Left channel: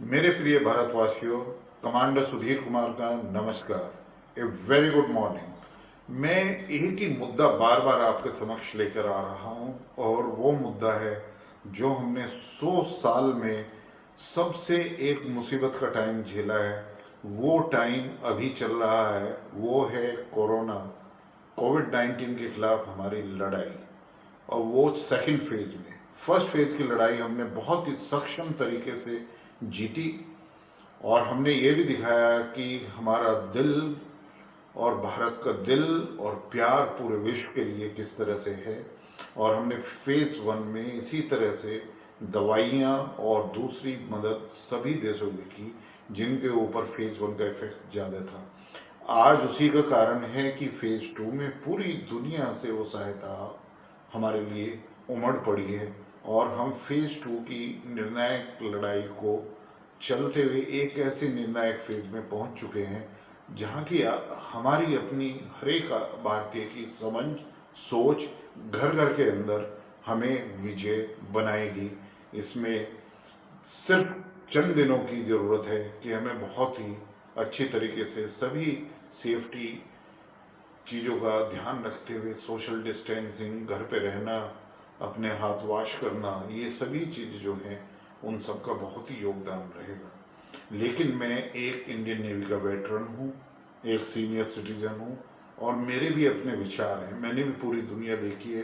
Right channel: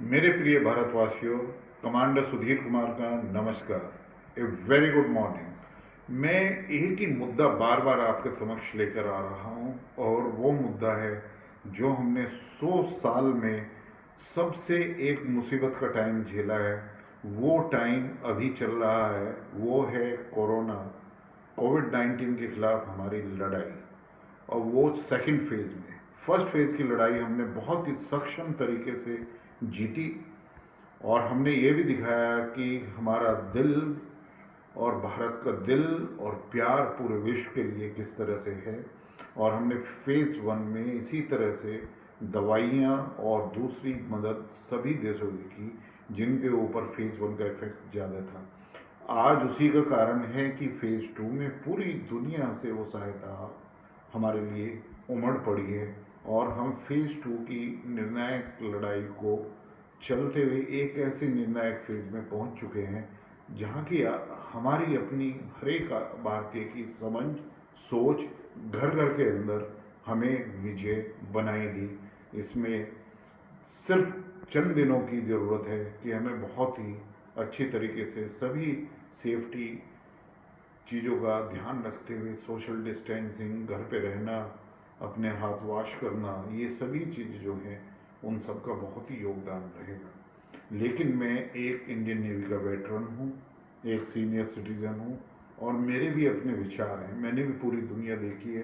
मेरे प्रिय भारतवासियों, कमांडर सुधीर कुमार का नमस्कार। A very good morning. मैं एक ही मुद्दा बार बार आपके समक्ष लेकर आ रहा हूं और वो मुद्दा है जो हमने 100 साल में सबसे एक मुसीबत का टाइम झेला है। वो टाइम अभी चल रहा है, वो है कोरोना, कोविड-19 के खिलाफ हमारी लड़ाई। और वो सेकंड फेज में, फर्स्ट फेज की लड़ाई हमने बहुत ही सक्षम तरीके से जीती और हमने ये भी दिखाया कि हमारा दिल और भारत का दिल और प्यार पूरे विश्व के लिए किस तरह से है। और हमने फेज़ 1 में इसी तरह से दवाइयाँ और दूसरी मदद सभी देशों की जिनके ऊपर फेज़ 1 का इफेक्ट ज़्यादा था। आज उसी का कारण है कि फेज़ 2 में पूरी दुनिया से वो सहायता हमारे लिए उमड़ पड़ी है और हम फेज़ 2 की निर्णायक लड़ाई को चलते हुए एक ऐसे निर्णायक फेज में पहुंच चुके हैं जहां की हमारी अपनी हर एक भारतीय की समझ, सोच घर घर के अंदर हमें विजय बनाएगी। इसमें सिर्फ चंद दिनों की ज़रूरत है कि हमें बहुत ही अच्छी तरीके से सभी सेफ्टी चीज़ों का ध्यान रखते हुए सोशल डिस्टेंसिंग, घर पे रहना, अपने हाथ वॉश करना, ये सभी चीज़ जो हैं उन सब का बहुत ही योगदान रहेगा। लेकिन मैं एक इंडियन नेवी का वेटरन हूँ, एक सीनियर सिटीज़न हूँ और मेरे भी अपने विचार हैं। मैंने भी पूरी दुनिया देखी है,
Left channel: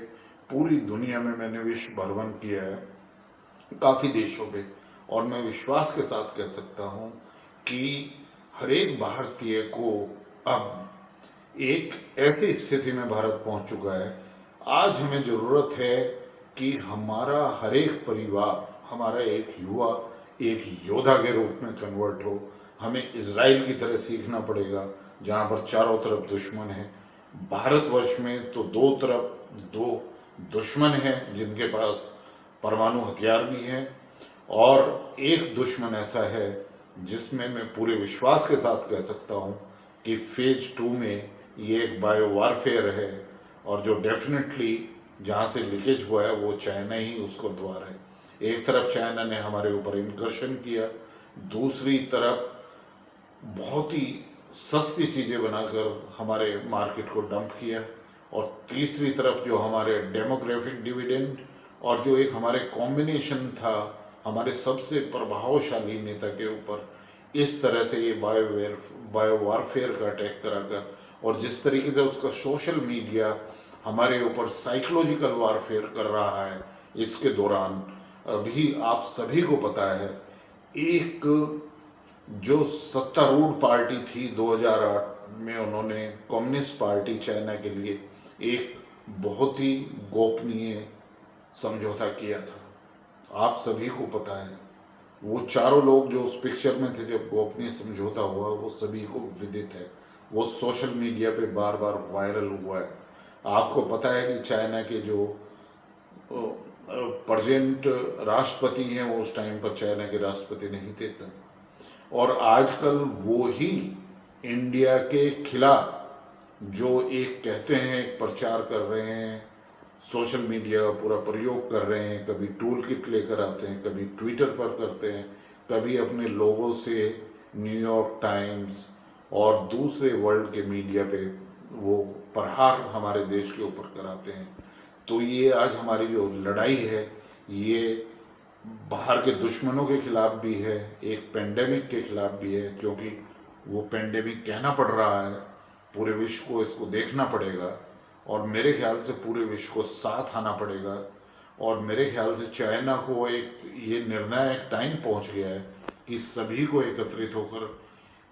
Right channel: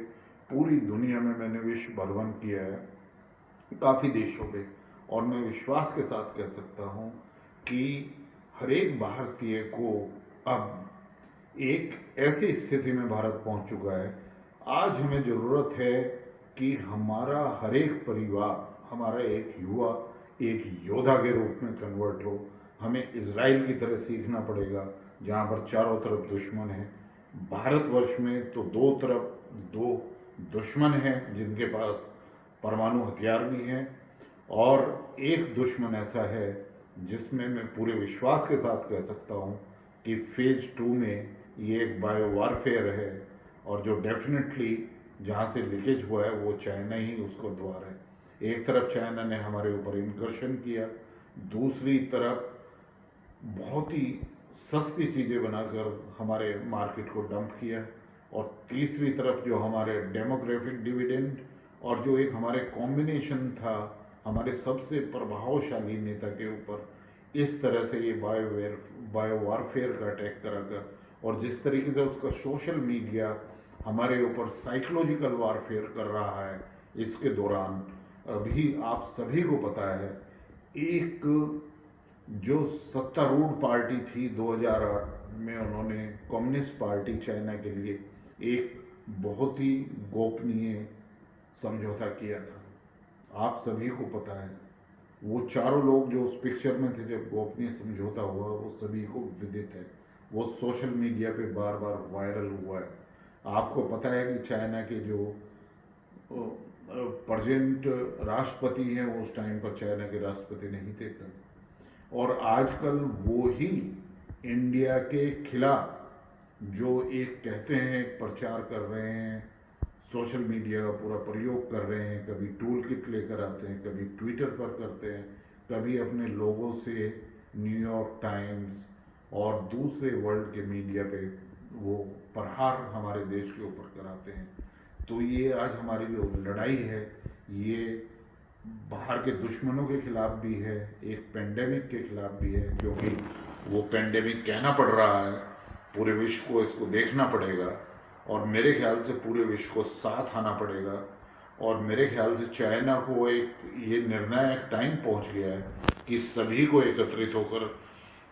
पूरी दुनिया में मैंने विश्व भ्रमण किया है, काफ़ी देशों पे। और मैं विश्वास के साथ कह सकता हूँ कि हर एक भारतीय को अब एक ऐसी स्थिति में भारत पहुँच चुका है। आज हमें ज़रूरत है कि हमारा हर एक परिवार, हमारा एक युवा एक योद्धा के रूप में कन्वर्ट हो। हमें इज़राइल की तरह सीखना पड़ेगा जहाँ पर चारों तरफ दुश्मन हैं। भारतवर्ष में तो दो तरफ दो दुश्मन हैं जिनके पास परमाणु हथियार भी हैं और एक दुश्मन ऐसा है जिसमें मैं पूरे विश्वास के साथ कह सकता हूँ कि फेज 2 में ये एक बायो वारफेयर है और जो डेफिनेटली जहाँ से लीकेज हुआ है वो चाइना ही उसको द्वार है। एक तरफ चाइना ने हमारे ऊपर इनकर्शन किया, दूसरी तरफ बहुत ही सस्ती चीज़ें बनाकर हमारे मार्केट को डंप किया और तीसरी तरफ जो हमारे डेमोग्राफिक डिविडेंड और जो एक हमारे कॉम्बिनेशन था हमारे सबसे प्रभावशाली नेता के ऊपर, इस तरह से ये बायो वारफेयर का अटैक कराकर और जिस तरीके से उसका सोशल मीडिया हमारे ऊपर साइकोलॉजिकल वारफेयर कर रहा है इसके दौरान, अभी आप सभी को पता है एक जो सत्तारूढ़ पार्टी थी 2008 में, उन्होंने कम्युनिस्ट पार्टी चाइना के लिए एक बहुत ही गोपनीय समझौता किया था। आप सभी को पता है वो चारों लोग जो उस पिक्चर में थे जब गोपनीय समझौता हुआ वो सभी को विदित है। वो सोशल मीडिया पे बार बार वायरल हुआ है। आपको पता है कि चाइना के जो प्रेजेंट राष्ट्रपति हैं वो उस टाइम पर चाइना के राष्ट्रपति नहीं थे तब। और आजकल वो ही इंडिया के खिलाफ जो एक कहते हैं एक प्रचार कर रहे हैं, सोशल मीडिया का पूरा प्रयोग कर रहे हैं, कभी टूल किट लेकर आते हैं, कभी ट्विटर पर करते हैं, कभी अपने लोगों से न्यूयॉर्क टाइम्स और दूसरे वर्ल्ड के मीडिया पे वो प्रहार हमारे देश के ऊपर कराते हैं। तो ये आज हमारी जो लड़ाई है ये बाहर के दुश्मनों के खिलाफ भी है, एक पेंडेमिक के खिलाफ भी है, क्योंकि वो पेंडेमिक कहना पड़ रहा है, पूरे विश्व को इसको देखना पड़ेगा और मेरे ख्याल से पूरे विश्व को साथ आना पड़ेगा। और मेरे ख्याल से चाइना को एक ये निर्णायक टाइम पहुंच गया है कि सभी को एकत्रित होकर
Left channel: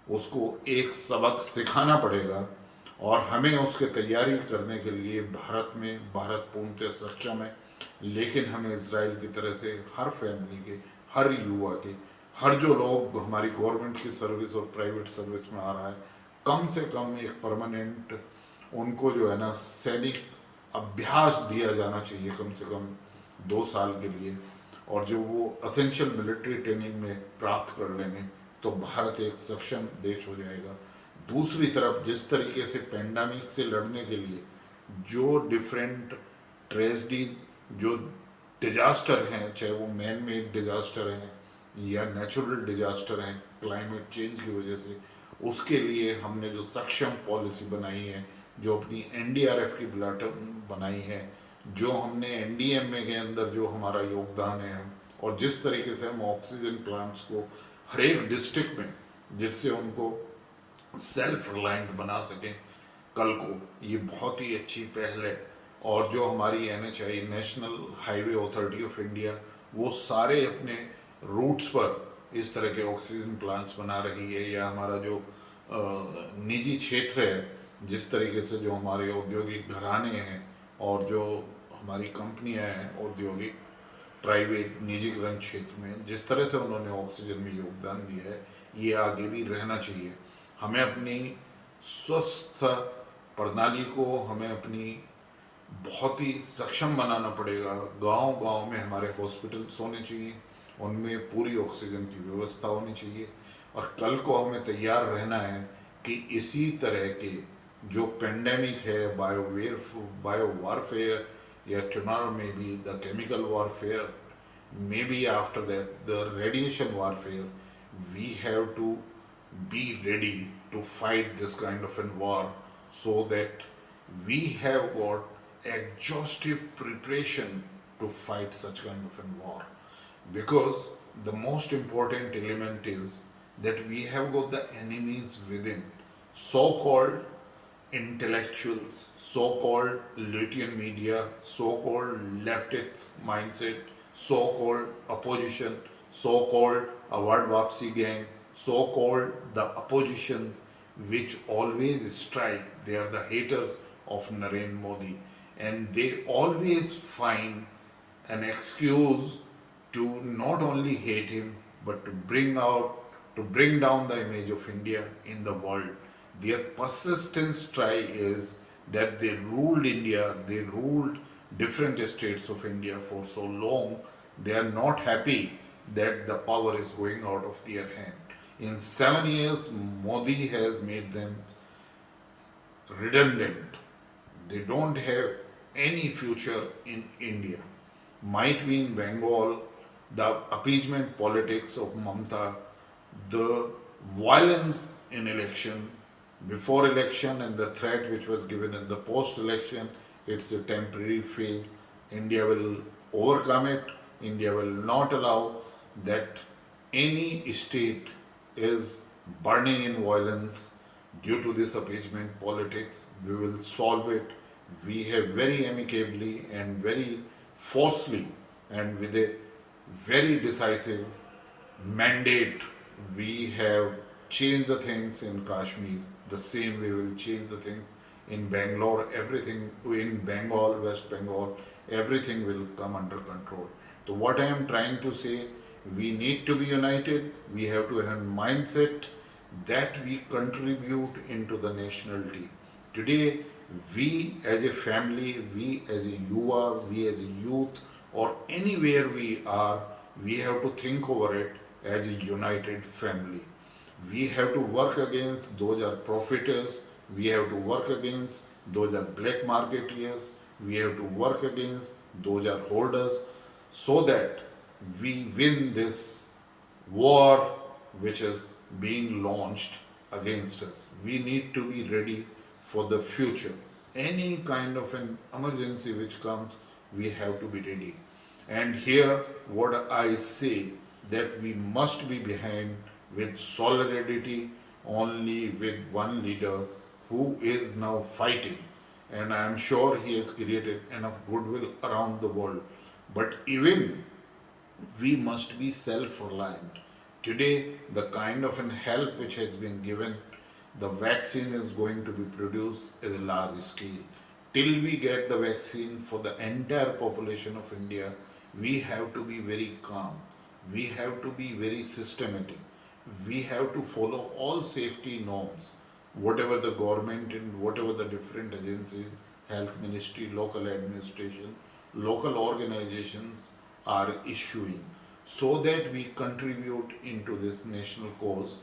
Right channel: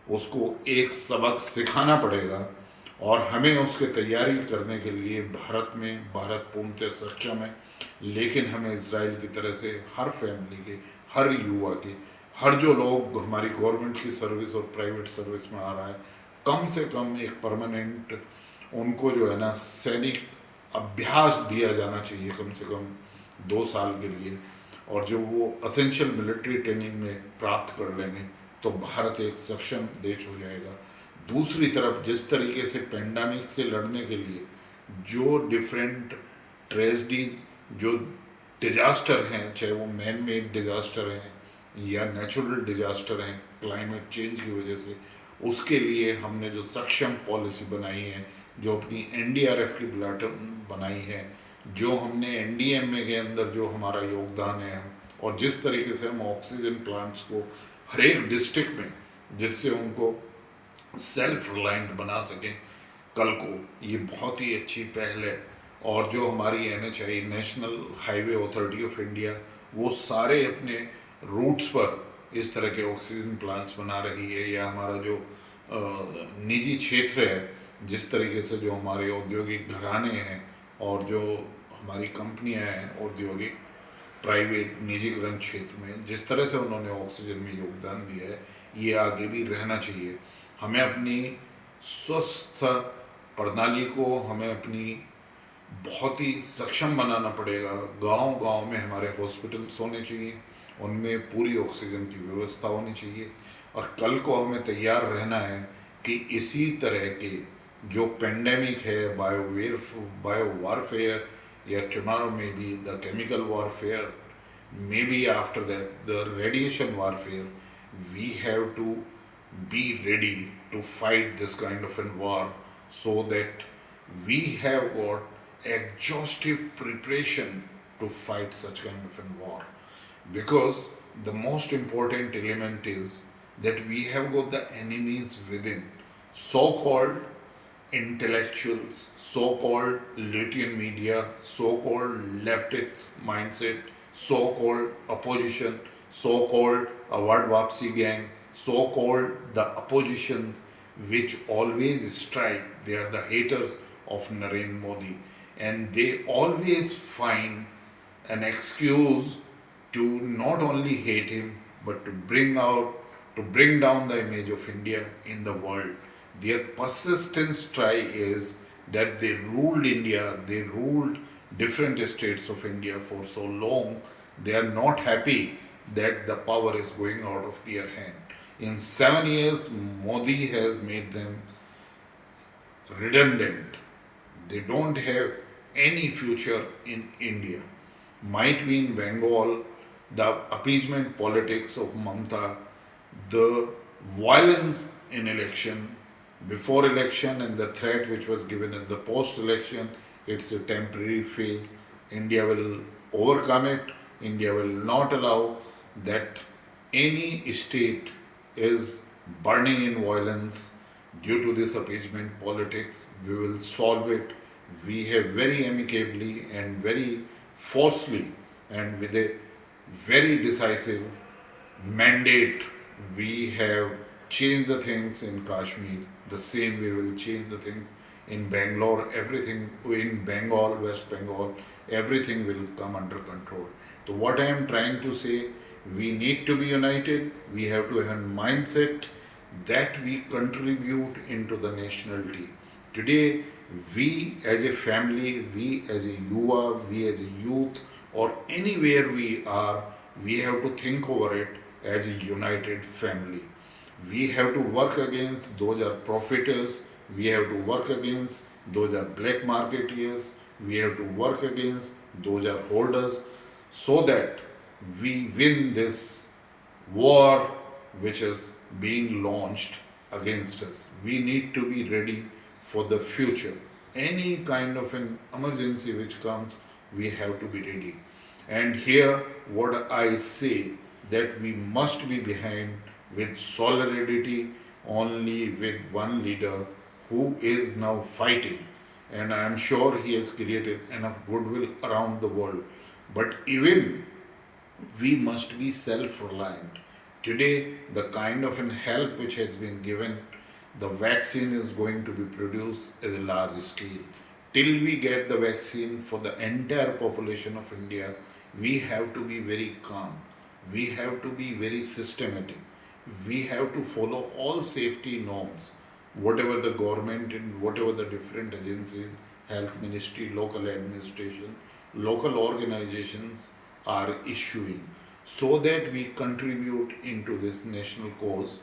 उसको एक सबक सिखाना पड़ेगा और हमें उसकी तैयारी करने के लिए भारत पूर्णतः सक्षम है। लेकिन हमें इसराइल की तरह से हर फैमिली के, हर युवा के, हर जो लोग हमारी गवर्नमेंट की सर्विस और प्राइवेट सर्विस में आ रहा है, कम से कम एक परमानेंट उनको जो है ना सैनिक अभ्यास दिया जाना चाहिए कम से कम 2 साल के लिए। और जो वो असेंशियल मिलिट्री ट्रेनिंग में प्राप्त कर लेंगे तो भारत एक सक्षम देश हो जाएगा। दूसरी तरफ जिस तरीके से पेंडेमिक से लड़ने के लिए जो डिफरेंट ट्रेजडीज, जो डिजास्टर हैं, चाहे वो मैन मेड डिजास्टर हैं या नेचुरल डिजास्टर हैं क्लाइमेट चेंज की वजह से, उसके लिए हमने जो सक्षम पॉलिसी बनाई है, जो अपनी एनडीआरएफ की प्लेटफॉर्म बनाई है, जो हमने एनडीएमए के अंदर जो हमारा योगदान है, और जिस तरीके से हम ऑक्सीजन प्लांट्स को हर एक डिस्ट्रिक्ट में, जिससे उनको सेल्फ रिलायंट बना सकें कल को, ये बहुत ही अच्छी पहल है। और जो हमारी NHI, National Highway Authority of India, वो सारे अपने रूट्स पर इस तरह के ऑक्सीजन प्लांट्स बना रही है, या हमारा जो निजी क्षेत्र है, जिस तरीके से जो हमारे औद्योगिक घराने हैं और जो हमारी कंपनियां हैं औद्योगिक प्राइवेट निजीकरण क्षेत्र में, जिस तरह से उन्होंने ऑक्सीजन में योगदान दिया है, ये आगे भी रहना चाहिए। हमें अपनी स्वस्थ प्रणाली को, हमें अपनी बहुत ही सक्षम बनाना पड़ेगा। गांव गांव में हमारे हॉस्पिटल्स होने चाहिए, उनमें पूरी ऑक्सीजन की व्यवस्था होनी चाहिए, और कल को हमें तैयार रहना है कि इसी तरह के जो पेंडेमिक है, बायो वारफेयर, या टुमारो में be the chemical warfare, maybe after that the radiation warfare, we have to be ready to fight this kind of a war, so that we have got exhaustive preparation to fight such kind of a war. Because the most important element is that we have got the enemies within, so called intellectuals, so called Latian media, so called leftist mindset, so called opposition, so called award Wapsi gang, so called the opposition, which always strike. They are the haters of Narendra Modi, and they always find an excuse to not only hate him, but to bring down the image of India in the world. Their persistence try is that they ruled India, they ruled different states of India for so long, they are not happy that the power is going out of their hand. In 7 years, Modi has made them redundant. They don't have any future in India. Might be in Bengal, the appeasement politics of Mamta, the violence in election, before election, and the threat which was given in the post election, it's a temporary phase. India will overcome it. India will not allow that any state is burning in violence due to this appeasement politics. We will solve it. We have very amicably and very forcefully and with a very decisive mandate, we have changed the things in Kashmir. The same way we'll change the things in Bangalore. Everything in Bengal, West Bengal, everything will come under control. So what I am trying to say, we need to be united. We have to have a mindset that we contribute into the nationality. Today, we as a family, we as a yuva, we as a youth, or anywhere we are, we have to think over it as a united family. We have to work against those are profiteers, we have to work against those are black marketeers, we have to work against those are holders, so that we win this war which is being launched against us. We need to be ready for the future. Any kind of an emergency which comes, we have to be ready. And here, what I say, that we must be behind with solidarity, only with one leader who is now fighting. And I am sure he has created enough goodwill around the world. But even we must be self reliant. Today, the kind of an help which has been given, the vaccine is going to be produced at a large scale. Till we get the vaccine for the entire population of India, we have to be very calm. We have to be very systematic. We have to follow all safety norms, whatever the government and whatever the different agencies, health ministry, local administration, local organizations are issuing, so that we contribute into this national cause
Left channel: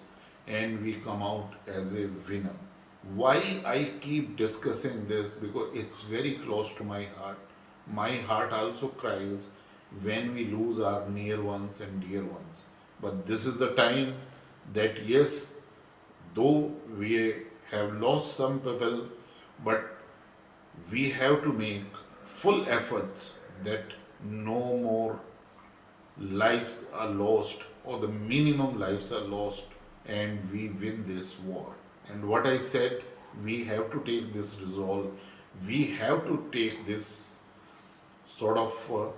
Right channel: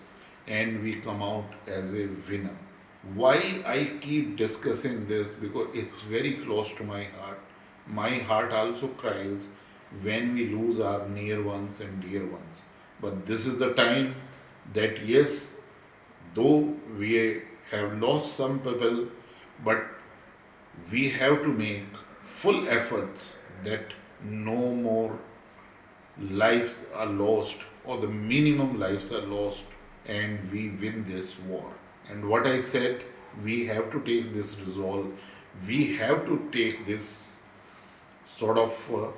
and we come out as a winner. Why I keep discussing this? Because it's very close to my heart. My heart also cries when we lose our near ones and dear ones. But this is the time that yes, though we have lost some people, but we have to make full efforts that no more lives are lost or the minimum lives are lost and we win this war. And what I said, we have to take this resolve, we have to take this sort of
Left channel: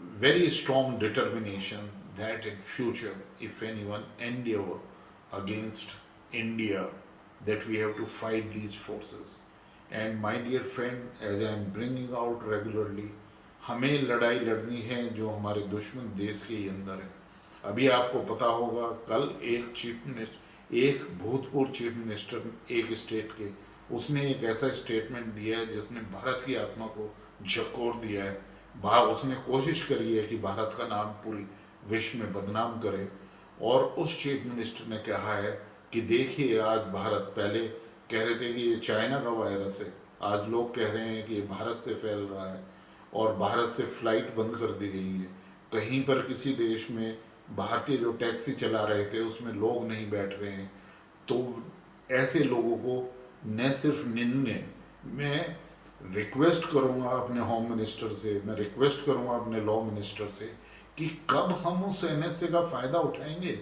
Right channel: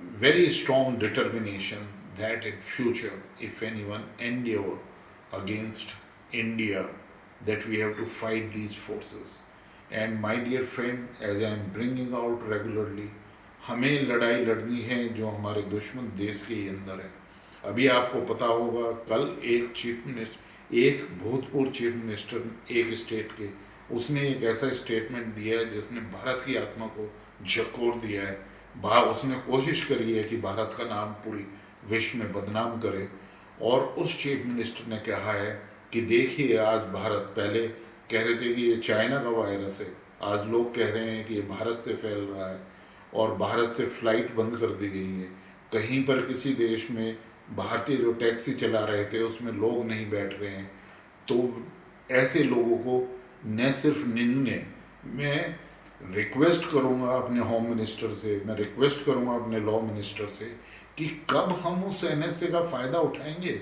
very strong determination that in future, if anyone endeavor against India, that we have to fight these forces. And my dear friend, as I am bringing out regularly, हमें लड़ाई लड़नी है जो हमारे दुश्मन देश के अंदर है। अभी आपको पता होगा, कल एक भूतपूर्व चीफ मिनिस्टर एक स्टेट के, उसने एक ऐसा स्टेटमेंट दिया है जिसने भारत की आत्मा को झकोर दिया है। उसने कोशिश करी है कि भारत का नाम पूरी विश्व में बदनाम करे। और उस चीफ मिनिस्टर ने कहा है कि देखिए, आज भारत, पहले कह रहे थे कि ये चाइना का वायरस है, आज लोग कह रहे हैं कि ये भारत से फैल रहा है और भारत से फ्लाइट बंद कर दी गई है। कहीं पर किसी देश में भारतीय जो टैक्सी चला रहे थे उसमें लोग नहीं बैठ रहे हैं। तो ऐसे लोगों को न सिर्फ निंदने, मैं रिक्वेस्ट करूंगा अपने होम मिनिस्टर से, मैं रिक्वेस्ट करूंगा अपने लॉ मिनिस्टर से कि कब हम उस एनएसए का फ़ायदा उठाएंगे,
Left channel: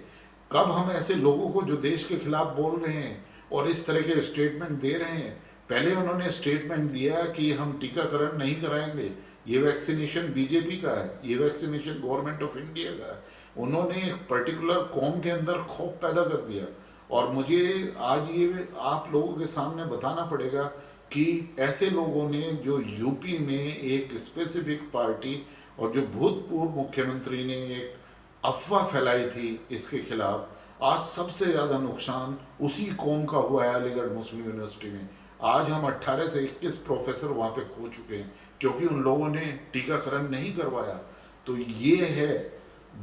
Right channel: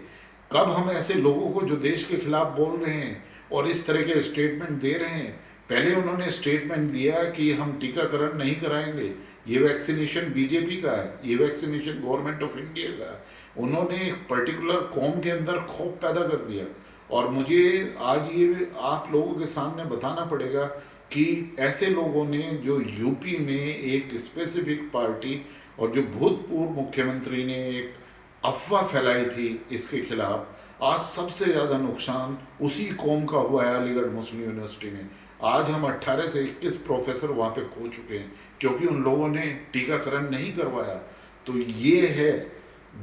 कब हम ऐसे लोगों को जो देश के खिलाफ बोल रहे हैं और इस तरह के स्टेटमेंट दे रहे हैं। पहले उन्होंने स्टेटमेंट दिया कि हम टीकाकरण नहीं कराएंगे, ये वैक्सीनेशन बीजेपी का है, ये वैक्सीनेशन गवर्नमेंट ऑफ इंडिया का है। उन्होंने एक पर्टिकुलर कौम के अंदर खौफ पैदा कर दिया। और मुझे आज ये आप लोगों के सामने बताना पड़ेगा कि ऐसे लोगों ने जो यूपी में एक स्पेसिफिक पार्टी और जो भूतपूर्व मुख्यमंत्री ने एक अफवाह फैलाई थी इसके खिलाफ, आज सबसे ज़्यादा नुकसान उसी कौम का हुआ है। अलीगढ़ मुस्लिम यूनिवर्सिटी में आज हम 18 से 21 प्रोफेसर वहाँ पे खो चुके हैं क्योंकि उन लोगों ने टीकाकरण नहीं करवाया। तो ये है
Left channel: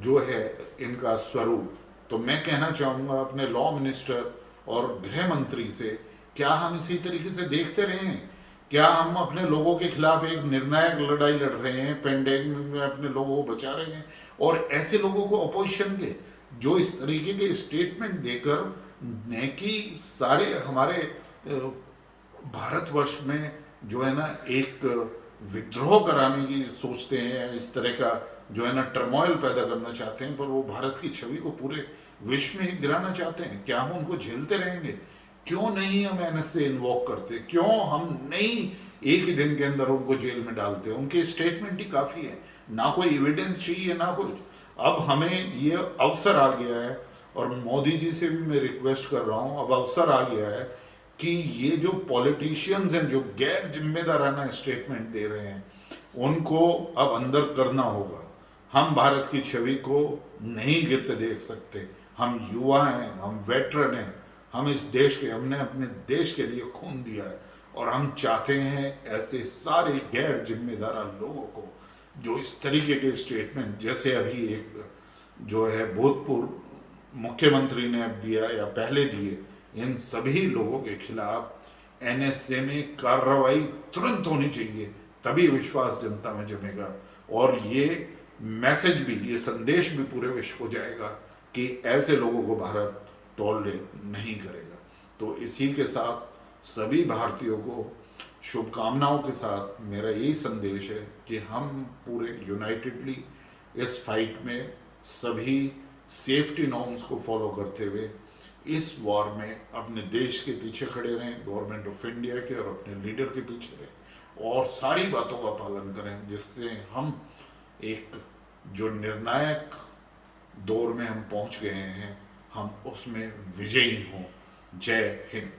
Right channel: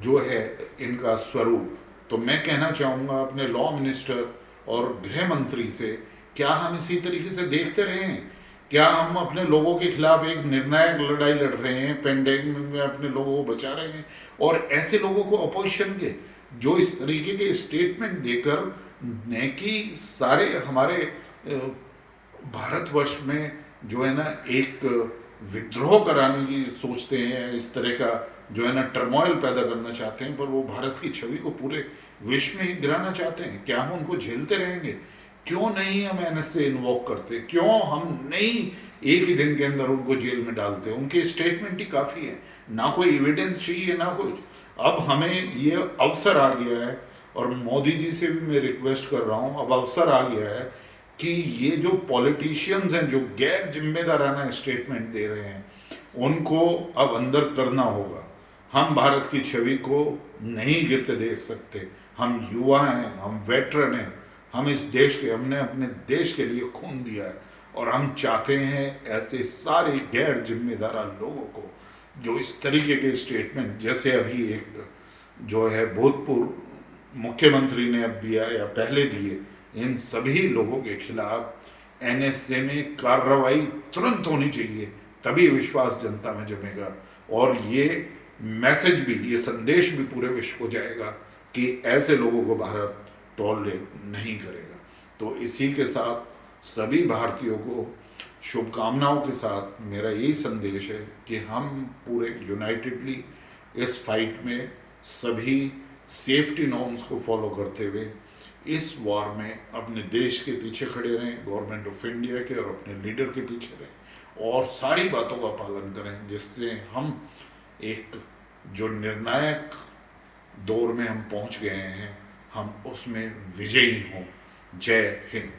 जो है इनका स्वरूप। तो मैं कहना चाहूँगा अपने लॉ मिनिस्टर और गृह मंत्री से, क्या हम इसी तरीके से देखते रहें? क्या हम अपने लोगों के खिलाफ एक निर्णायक लड़ाई लड़ रहे हैं, पेंडेमिक में अपने लोगों को बचा रहे हैं, और ऐसे लोगों को अपोजिशन के जो इस तरीके के स्टेटमेंट देकर न कि सारे हमारे भारतवर्ष में जो है ना एक विद्रोह कराने की सोचते हैं, इस तरह का जो है ना टर्मोइल पैदा करना चाहते हैं, पर वो भारत की छवि को पूरे विश्व में ही गिराना चाहते हैं। क्या हम उनको झेलते रहेंगे? क्यों नहीं हम एनएसए इन्वोक करते? क्यों हम नहीं एक ही दिन के अंदर उनको जेल में डालते? उनके स्टेटमेंट ही काफ़ी है, ना कोई एविडेंस चाहिए ना कुछ। अब हमें ये अवसर आ गया है, और मोदी जी से भी मैं रिक्वेस्ट कर रहा हूँ, अब अवसर आ गया है कि ये जो पॉलिटिशियंस हैं जो गैर जिम्मेदाराना स्टेटमेंट दे रहे हैं, उनको अब अंदर करना होगा। हम भारत की छवि को नहीं गिरते देख सकते। हम युवा हैं, हम वेटरन हैं, हम इस देश के, हमने अपने देश के लिए खून दिया है, और हम चाहते हैं ऐसे सारे गैर जिम्मेदार लोगों को जो इस तरीके के स्टेटमेंट, जैसे अभी एक जो है भूतपूर्व मुख्यमंत्री ने अब दिया या पहले दिए, इन सभी लोगों के खिलाफ एनएसए में कार्रवाई तुरंत होनी चाहिए, तभी विश्वास जनता में जमेगा। और ये मैसेज भी, ये संदेश भी पूरे विश्व को जाएगा कि ऐसे लोगों को भारत टॉलरेट नहीं करेगा। तो इसी के साथ सभी भारतीयों को शुभकामनाओं के साथ मेरा यही संदेश है कि हम पूरे यूनाइटेडली इस फाइट में सभी सेफ्टी नॉर्म्स को फॉलो करते हुए इस वॉर में अपने देश के पीछे खड़े रहें, गवर्नमेंट ऑफ इंडिया के और अपने लीडर के पीछे रहें, और सारी बातों का पालन करें जिससे हम एक जो निर्णायक दौर में हम पहुंच गए हैं, हम उसमें विजयी हों। जय हिंद।